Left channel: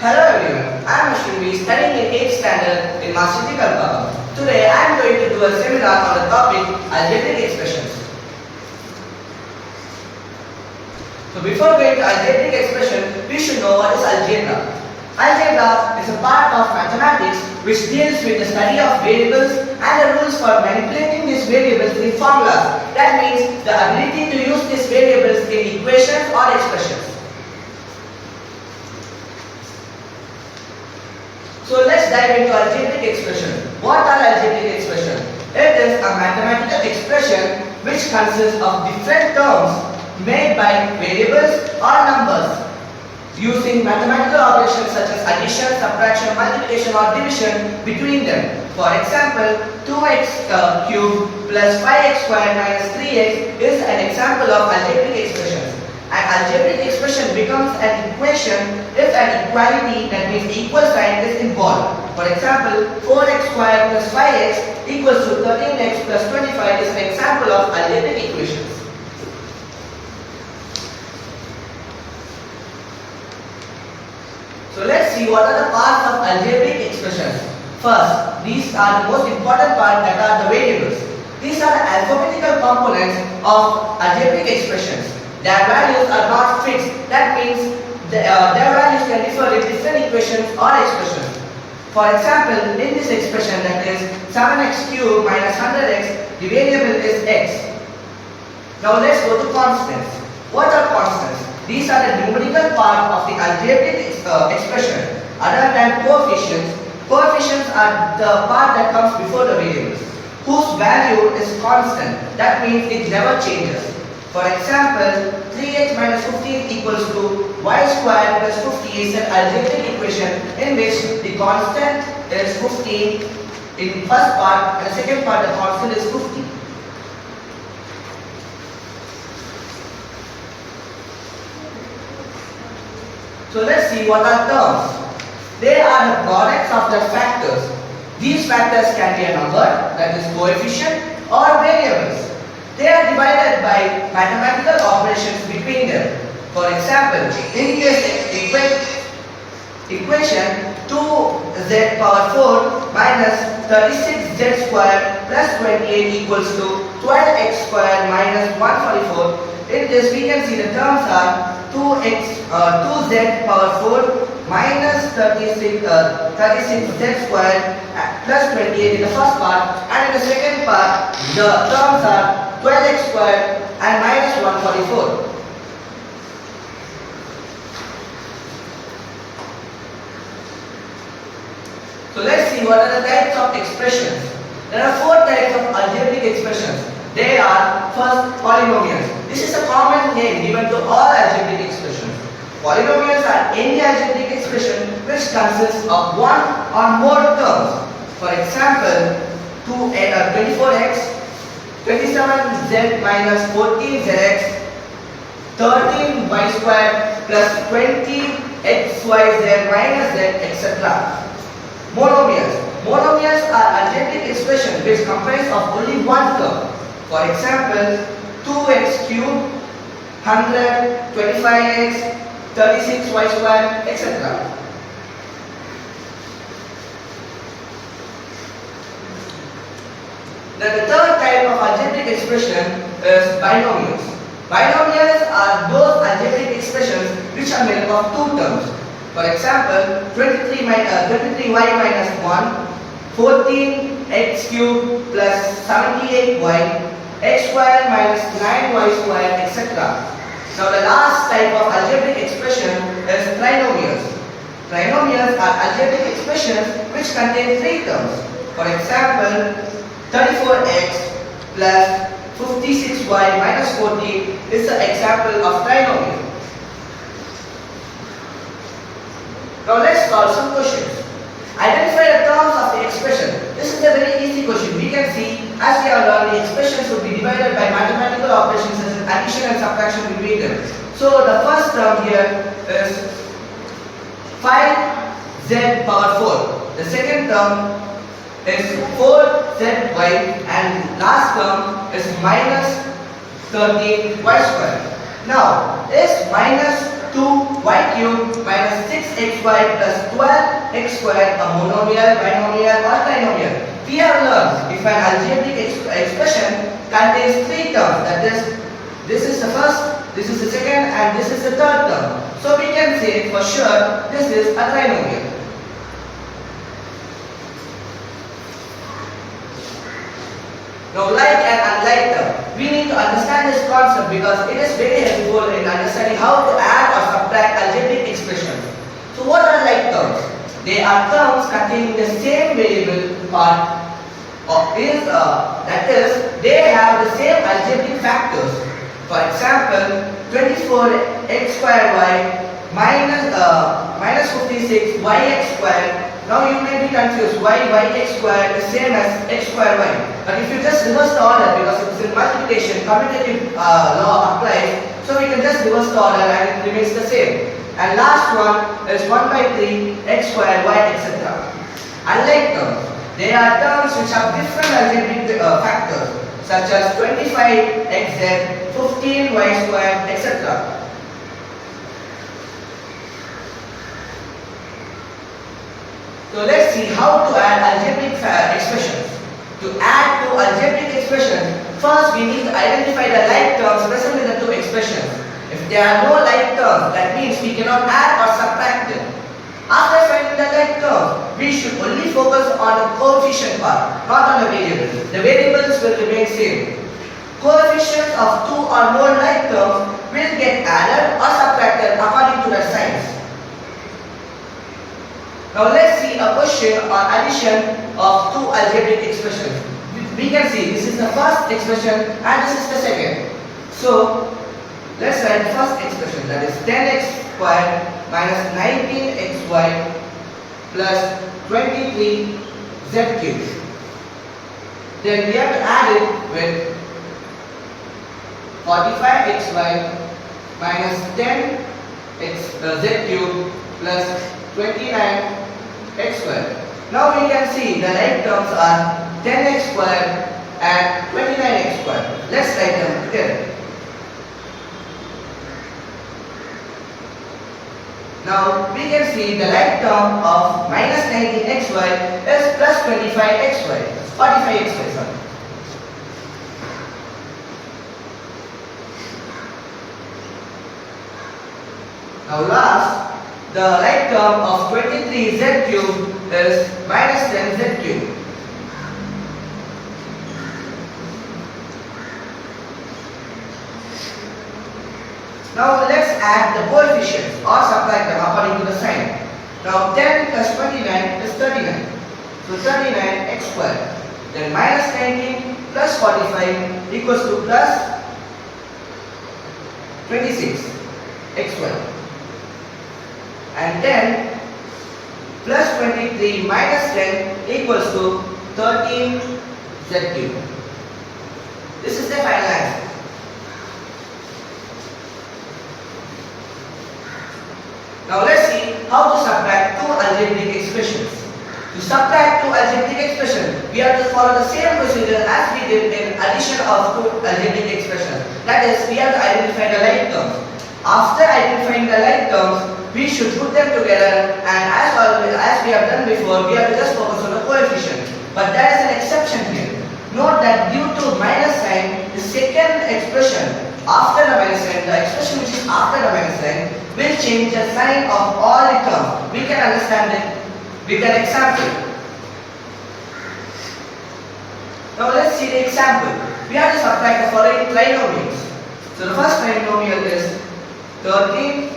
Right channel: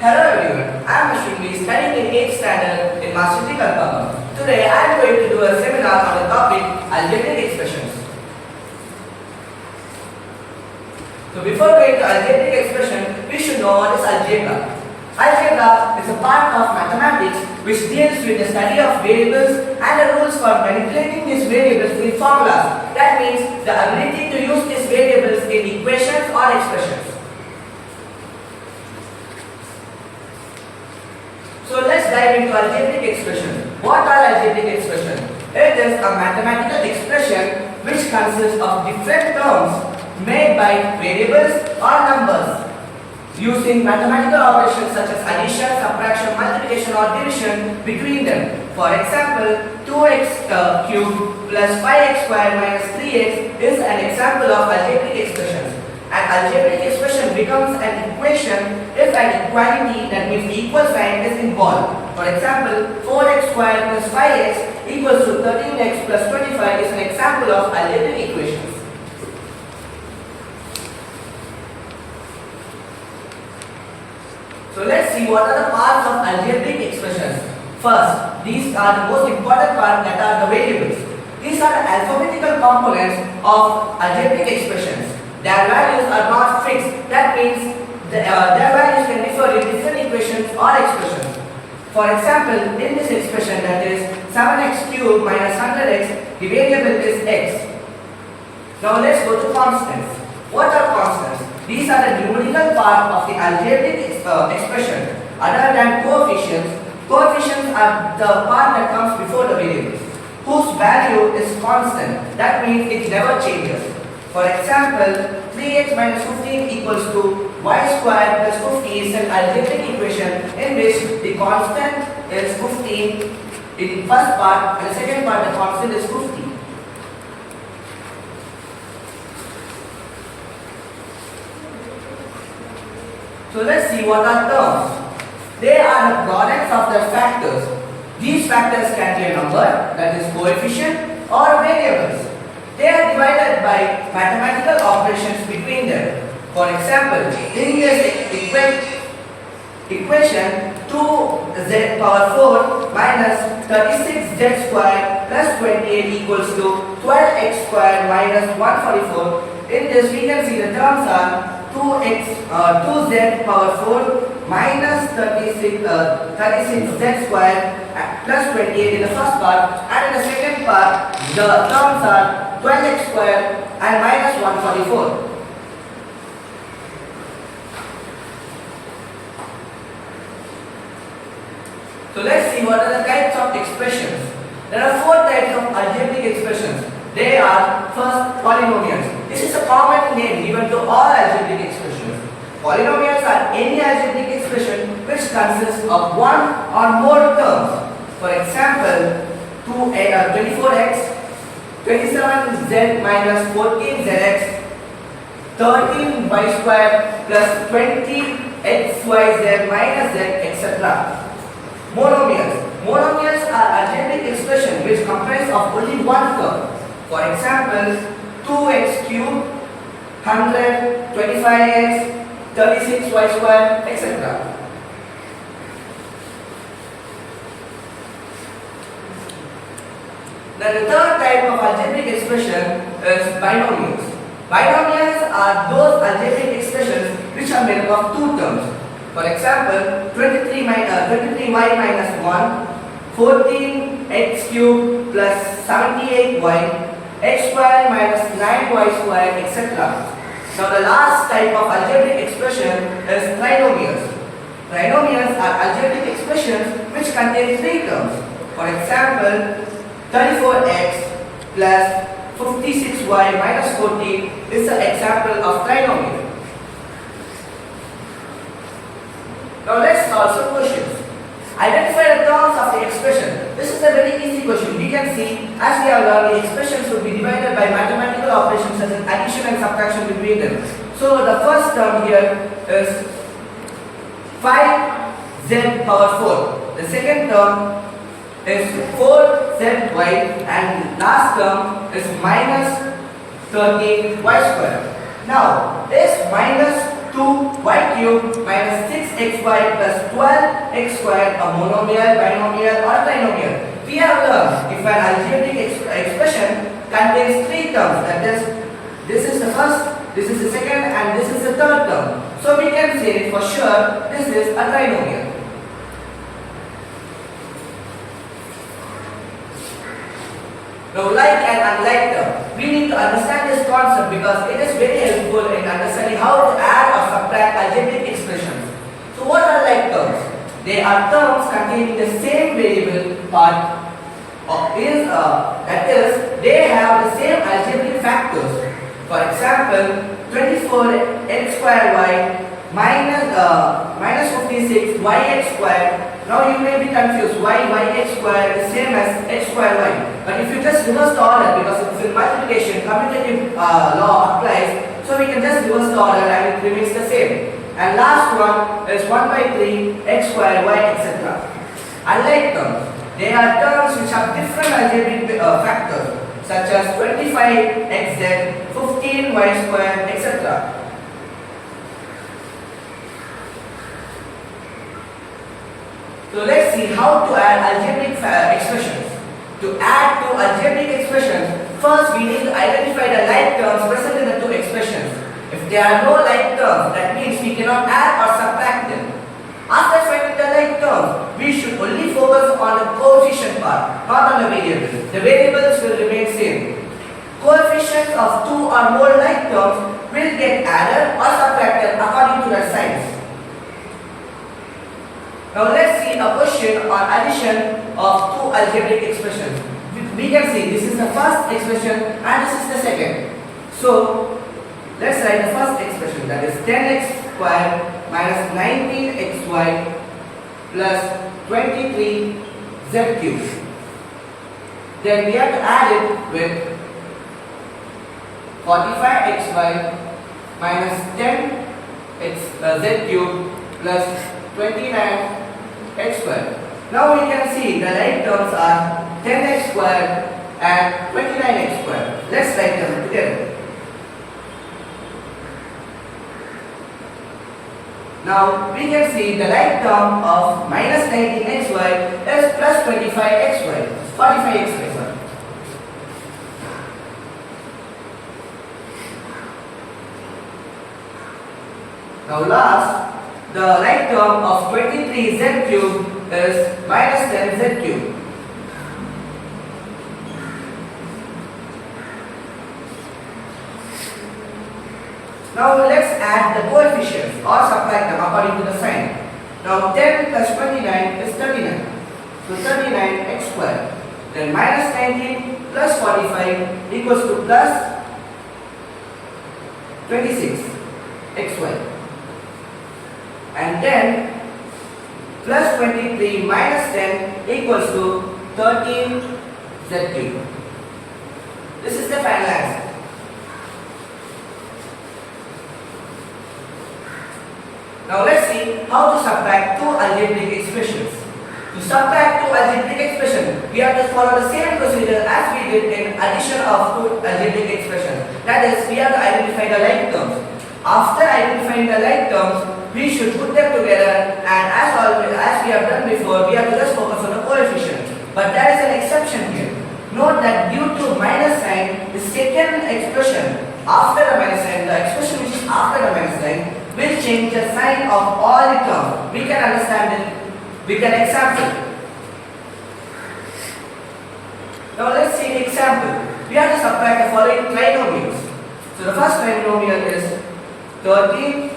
Hello everyone, I am Ashwin.V studying in 8th standard in Master Kalpama. Today I am going to do a seminar on the topic algebraic expressions. So before going to algebraic expression, we should know what is algebra. Algebra is a part of mathematics which deals with the study of variables and the rules for manipulating these variables in formulas. That means the ability to use these variables in equations or expressions. So let's dive into algebraic expressions. What are algebraic expressions? It is a mathematical expression which consists of different terms made by variables or numbers using mathematical operations such as addition, subtraction, multiplication or division between them. For example, 2x cubed plus 5x squared minus 3x is an example of algebraic expressions. An algebraic expression becomes an equation if an equality, that means equal sign, is involved. For example, 4x squared plus 5x equals to 13x plus 25 is an example of algebraic equations. So let's see what are the parts of algebraic expressions. First, these are the most important part, that are the variables. These are the alphabetical components of algebraic expressions. Their values are not fixed. That means their values can differ in different equations or expressions. For example, in this expression, that is 7x cubed minus 100x, the variable is x. Now let's go to constants. What are constants? These are the numerical part of the algebraic expression. Other than coefficients, coefficients are the part that comes before the variables, whose value is constant. That means it never changes. For example, 3x minus 15 equals to y squared plus 50 is an algebraic equation in which the constant is 15 in the first part and the second part the constant is 50. So let's see what are terms. They are the products of the factors. These factors can be a number, that is coefficient, or variables. They are divided by mathematical operations between them. For example, in this equation, 2z power 4 minus 36z squared plus 28 equals to 12x squared minus 144. In this we can see the terms are 2z power 4 minus 36z squared plus 28 in the first part, and in the second part the terms are 12x squared and minus 144. So let's see what are the types of expressions. There are 4 types of algebraic expressions. They are, first, polynomials. This is a common name given to all algebraic expressions. Polynomials are any algebraic expression which consists of one or more terms. For example, 24x, 27z minus 14zx, 13y squared plus 20xyz minus z, etc. Monomials. Monomials are algebraic expressions which comprise of only one term. For example, 2x cubed, 100, 25x, 36y squared, etc. Then the third type of algebraic expression is binomials. Binomials are those algebraic expressions which are made up of 2 terms. For example, 23y minus 1, 14x cubed plus 78y, x squared minus 9y squared, etc. Now the last type of algebraic expression is trinomials. Trinomials are algebraic expressions which contain 3 terms. For example, 34x plus 56y minus 14 is an example of trinomial. Now let's solve some questions. Identify the terms of the expression. This is a very easy question. We can see, as we have learned, the expressions will be divided by mathematical operations such as addition and subtraction between them. So the first term here is 5z power 4. The second term is 4zy, and last term is minus 13y squared. Now, is minus 2y cubed minus 6xy plus 12x squared, a monomial, binomial or trinomial. We have learned if an algebraic expression contains three terms, that is, this is the first, this is the second and this is the third term. So we can say for sure this is a trinomial. Now, like and unlike term, we need to understand this concept because it is very helpful in understanding how to add or subtract algebraic expressions. So what are like terms? They are terms containing the same variable that is, they have the same algebraic factors. For example, 24x squared y minus 56 yx squared. Now you may be confused why yx squared is same as x squared y. But if you just reverse the order, because it is in multiplication, commutative law applies. So we can just reverse the order and it remains the same. And last one is 1 by 3 x squared y, etc. Unlike terms, there are terms which have different algebraic factors such as 25xz, 15y squared, etc. So let's see how to add algebraic expressions. To add two algebraic expressions, first we need to identify the like terms present in the two expressions. If there are no like terms, that means we cannot add or subtract them. After finding the like terms, we should only focus on the coefficient part, not on the variables. The variables will remain same. Coefficients of two or more like terms will get added or subtracted according to their signs. Now let's see a question on addition of two algebraic expressions. We can see this is the first expression and this is the second. So let's write the first expression, that is 10x squared minus 19xy plus 23z cubed. Then we have to add it with 45xy minus 10z cubed plus 29x squared. Now we can see the like terms are 10x squared and 29x squared. Let's write them together. Now we can see the like term of minus 19xy is plus 25xy, 45xy, sorry. Now last, the like term of 23z cubed is minus 10z cubed. Now let's add the coefficients or subtract them according to the sign. Now 10 plus 29 is 39. So 39x squared. Then minus 19 plus 45 equals to plus 26xy. And 10 plus 23 minus 10 equals to 13z cubed. This is the final answer. Now let's see how to subtract two algebraic expressions. To subtract two algebraic expressions, we have to follow the same procedure as we did in addition of two algebraic expressions. That is, we have to identify the like terms. After identifying the like terms, we should put them together, and as always, as we have done before, we have to just focus on the coefficient. But there is an exception here. Note that due to minus sign, the second expression after the minus sign, the expression which is after the minus sign, will change the sign of all the terms. We can understand it with an example. Now let's see the example. We have to subtract the following trinomials. So the first trinomial is 13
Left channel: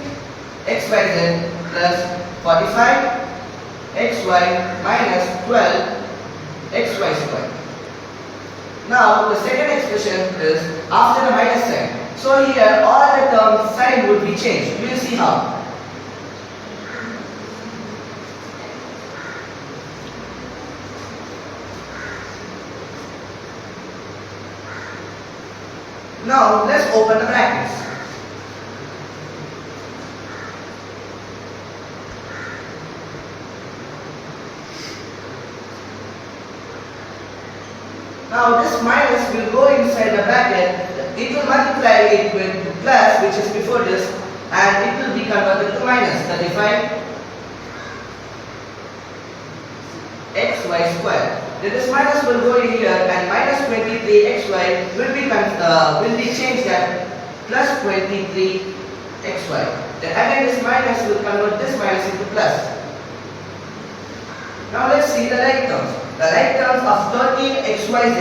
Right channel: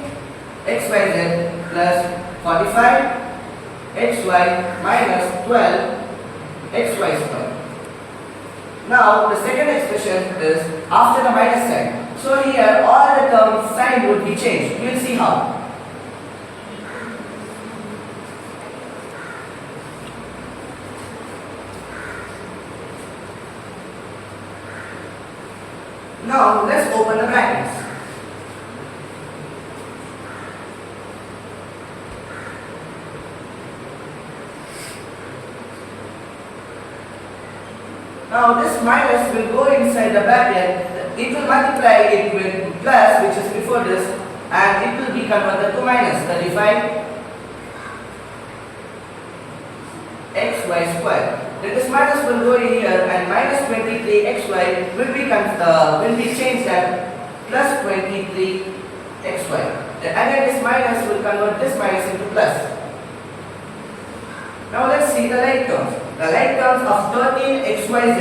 xyz plus 45 xy minus 12 xy squared. Now the second expression is after the minus sign. So here all the terms sign would be changed. We will see how. Now let's open the brackets. Now this minus will go inside the bracket. It will multiply it with plus, which is before this, and it will will be converted to minus 35 xy square. Then this minus will go in here and minus 23 xy will be changed as plus 23 xy. Then again this minus will convert this minus into plus. Now let's see the like terms. The like terms of 13 xyz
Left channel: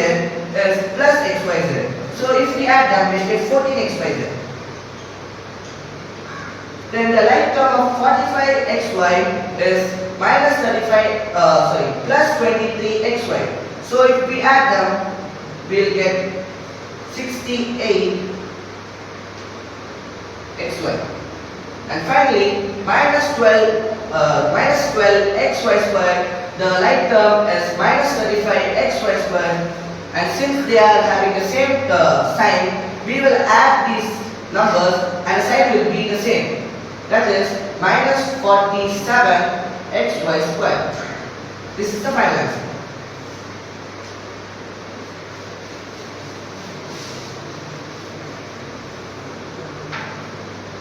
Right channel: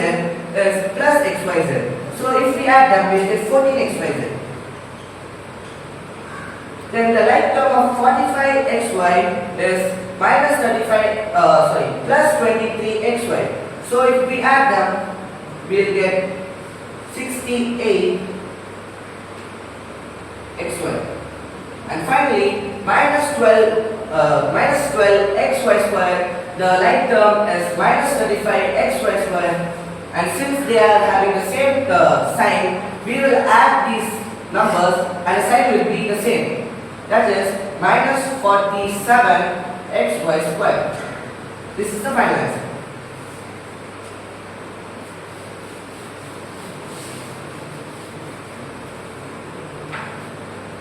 is plus xyz. So if we add them, we get 14 xyz. Then the like term of 45 xy is minus 35, plus 23 xy. So if we add them, we'll get 68 xy. And finally, minus 12 xy square. The like term is minus 35 xy square. And since they are having the same sign, we will add these numbers and the sign will be the same. That is minus 47 xy square. This is the final answer.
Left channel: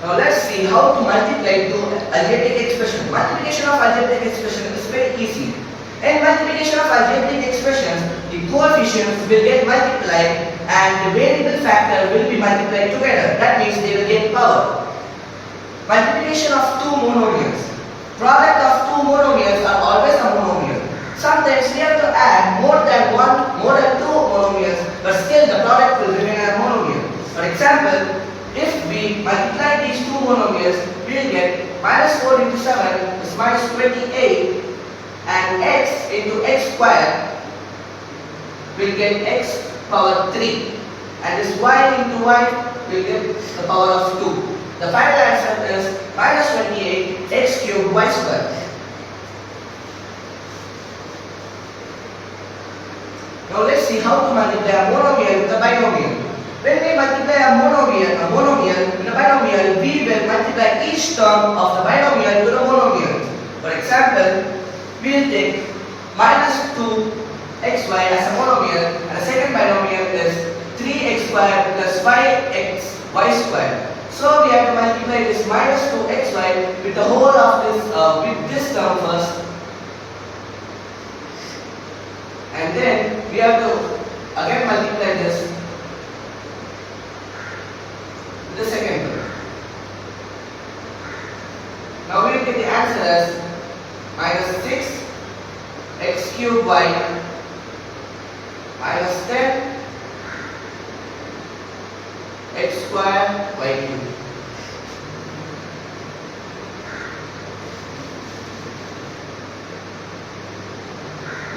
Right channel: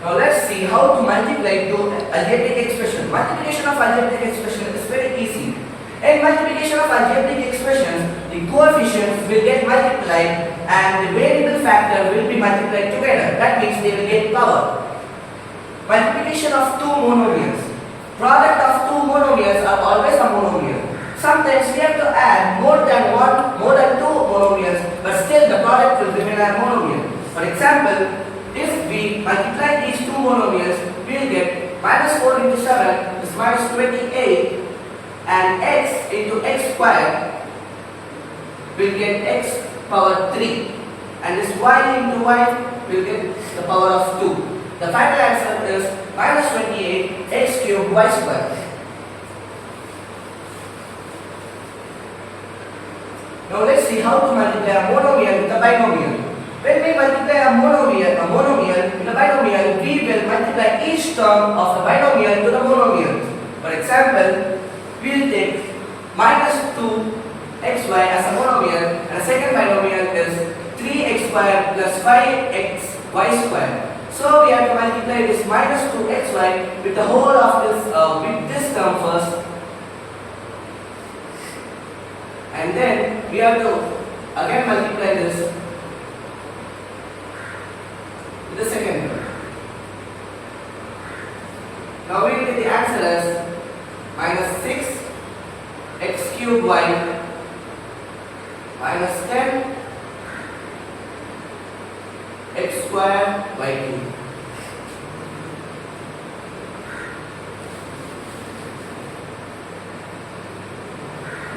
Now let's see how to multiply two algebraic expressions. Multiplication of algebraic expression is very easy. In multiplication of algebraic expressions, the coefficients will get multiplied and the variable factor will be multiplied together. That means they will get power. Multiplication of two monomials. Product of two monomials are always a monomial. Sometimes we have to add more than two monomials, but still the product will remain a monomial. For example, if we multiply these two monomials, we will get minus 4 into 7 is minus 28, and x into x squared will get x power 3, and this y into y will get the power of 2. The final answer is minus 28 x cubed y squared. Now let's see how to multiply a monomial with a binomial. When we multiply a monomial with a binomial, we will multiply each term of the binomial to the monomial. For example, we will take minus 2xy as a monomial, and the second binomial is 3x squared plus 5xy squared. So we have to multiply this minus 2xy with the whole of this with this term first, and then we have to again multiply this with the second term. Now we will get the answer as minus 6 x cubed y minus 10 x squared y cubed.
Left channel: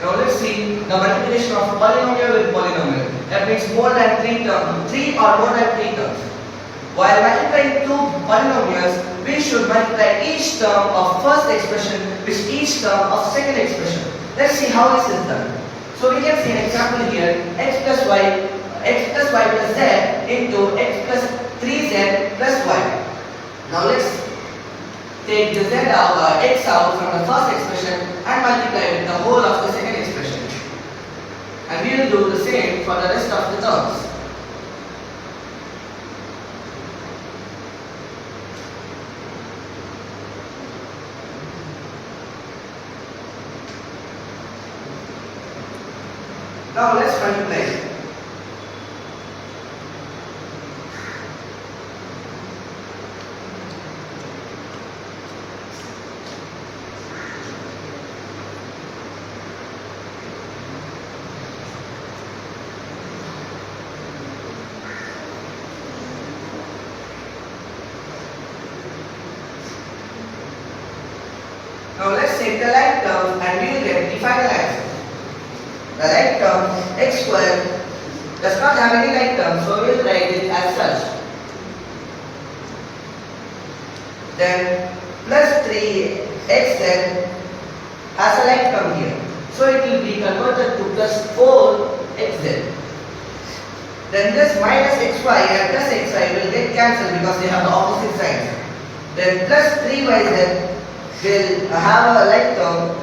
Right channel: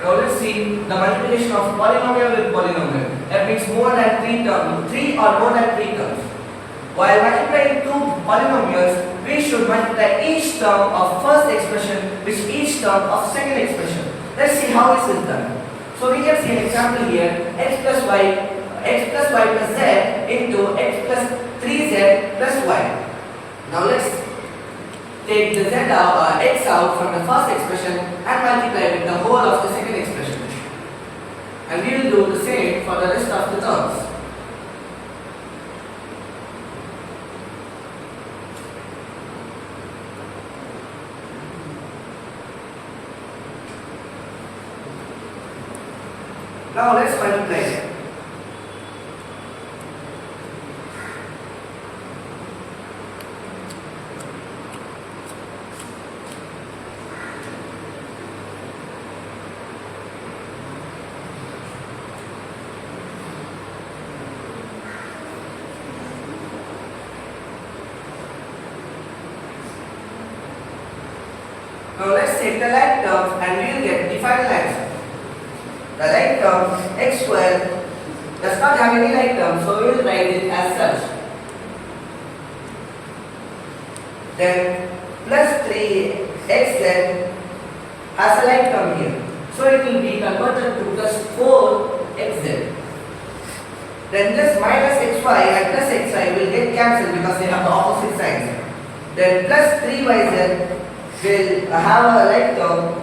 Now let's see the multiplication of polynomial with polynomial. That means more than 3 terms, 3 or more than 3 terms. While multiplying two polynomials, we should multiply each term of first expression with each term of second expression. Let's see how this is done. So we can see an example here: x plus y plus z into x plus 3z plus y. Now let's take the x out from the first expression and multiply with the whole of the second expression. And we will do the same for the rest of the terms. Now let's multiply. Now let's take the like terms and we will get the final answer. The like term x squared does not have any like term, so we will write it as such. Then plus 3xz has a like term here, so it will be converted to plus 4xz. Then this minus xy and plus xy will get cancelled because they have the opposite signs. Then plus 3yz will have a like term.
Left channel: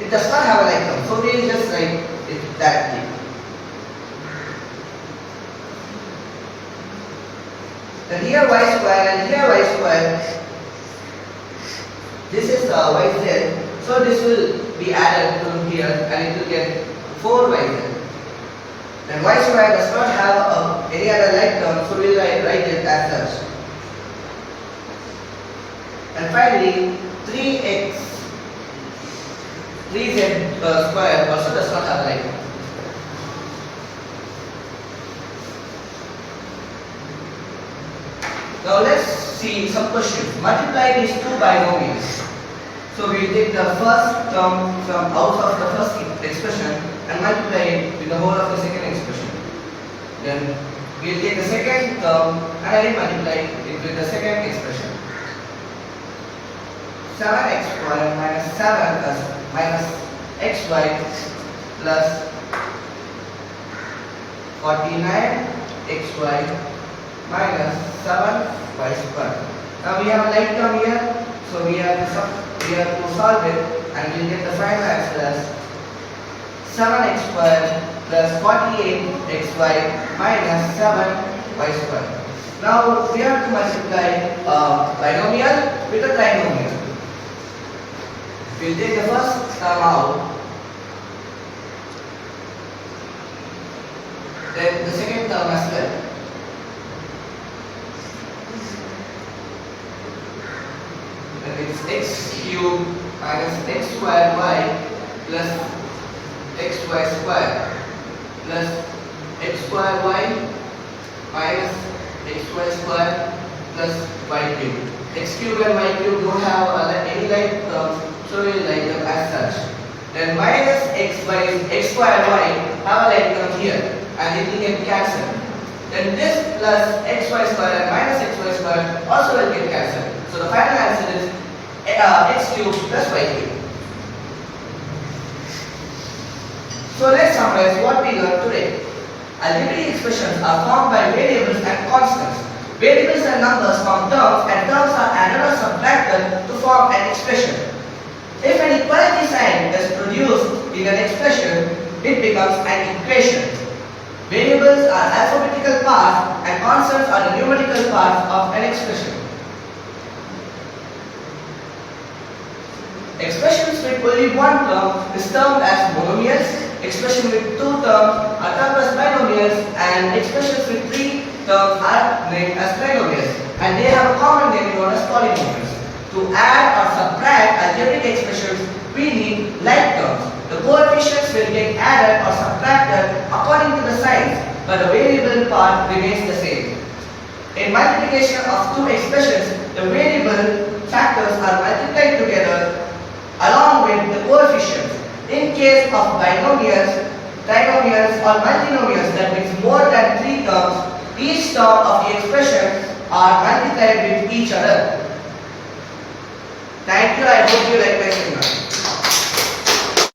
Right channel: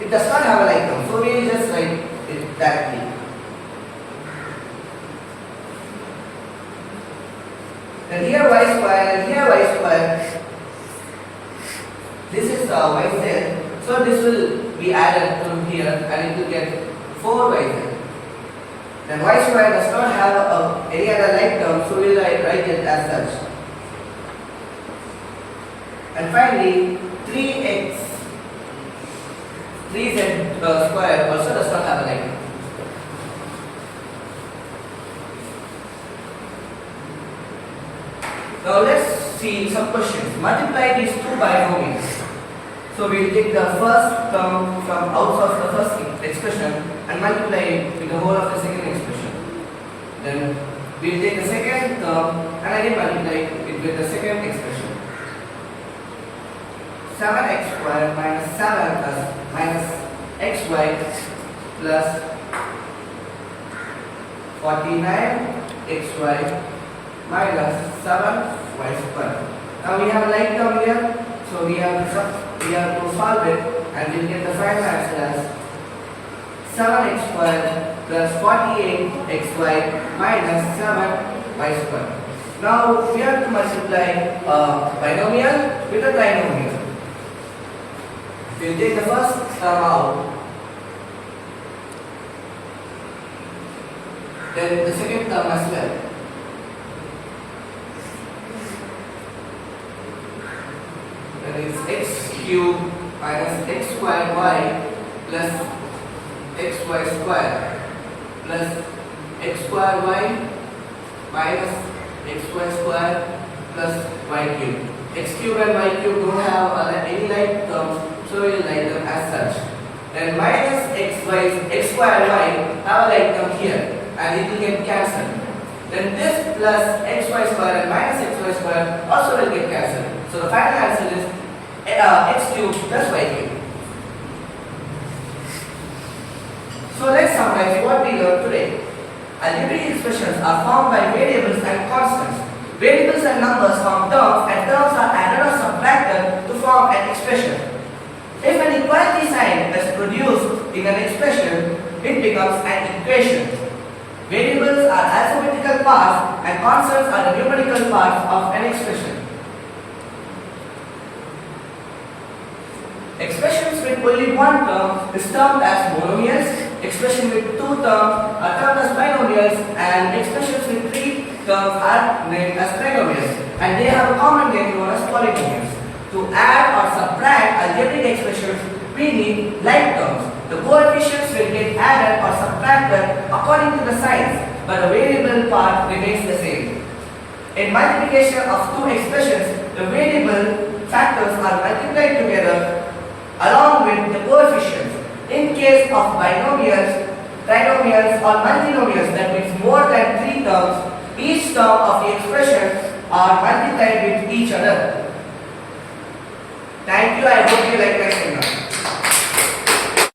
It does not have a like term, so we will just write it directly. Then here y square and here y square. This is yz. So this will be added to here and it will get 4yz. Then y square does not have any other like term, so we will write it as such. And finally, 3z square also does not have a like term. Now let's see some questions. Multiply these two binomials. So we will take the first term from out of the first expression and multiply it with the whole of the second expression. Then we will take the second term and again multiply it with the second expression. 7x squared minus 7 plus minus xy plus 49xy minus 7y squared. Now we have a like term here, so we have to solve it and we will get the final answer as 7x squared plus 48xy minus 7y squared. Now we have to multiply binomial with a trinomial. We will take the first term out, then the second term as well. Then it's x cubed minus x squared y plus xy squared plus x squared y minus xy squared plus y cubed. X cubed and y cubed don't have any like terms, so we will write them as such. Then minus x square and y have a like term here and it will get cancelled. Then this plus xy square and minus xy square also will get cancelled. So the final answer is x cubed plus y cubed. So let's summarize what we learned today. Algebraic expressions are formed by variables and constants. Variables and numbers form terms and terms are added or subtracted to form an expression. If an equality sign is produced in an expression, it becomes an equation. Variables are alphabetical parts and constants are the numerical parts of an expression. Expressions with only one term is termed as monomials. Expression with two terms are termed as binomials, and expressions with three terms are named as trinomials, and they have a common name known as polynomials. To add or subtract algebraic expressions, we need like terms. The coefficients will get added or subtracted according to the signs, but the variable part remains the same. In multiplication of two expressions, the variable factors are multiplied together along with the coefficients. In case of binomials, trinomials or multinomials, that means more than three terms, each term of the expression are multiplied with each other. Thank you. I hope you like my seminar.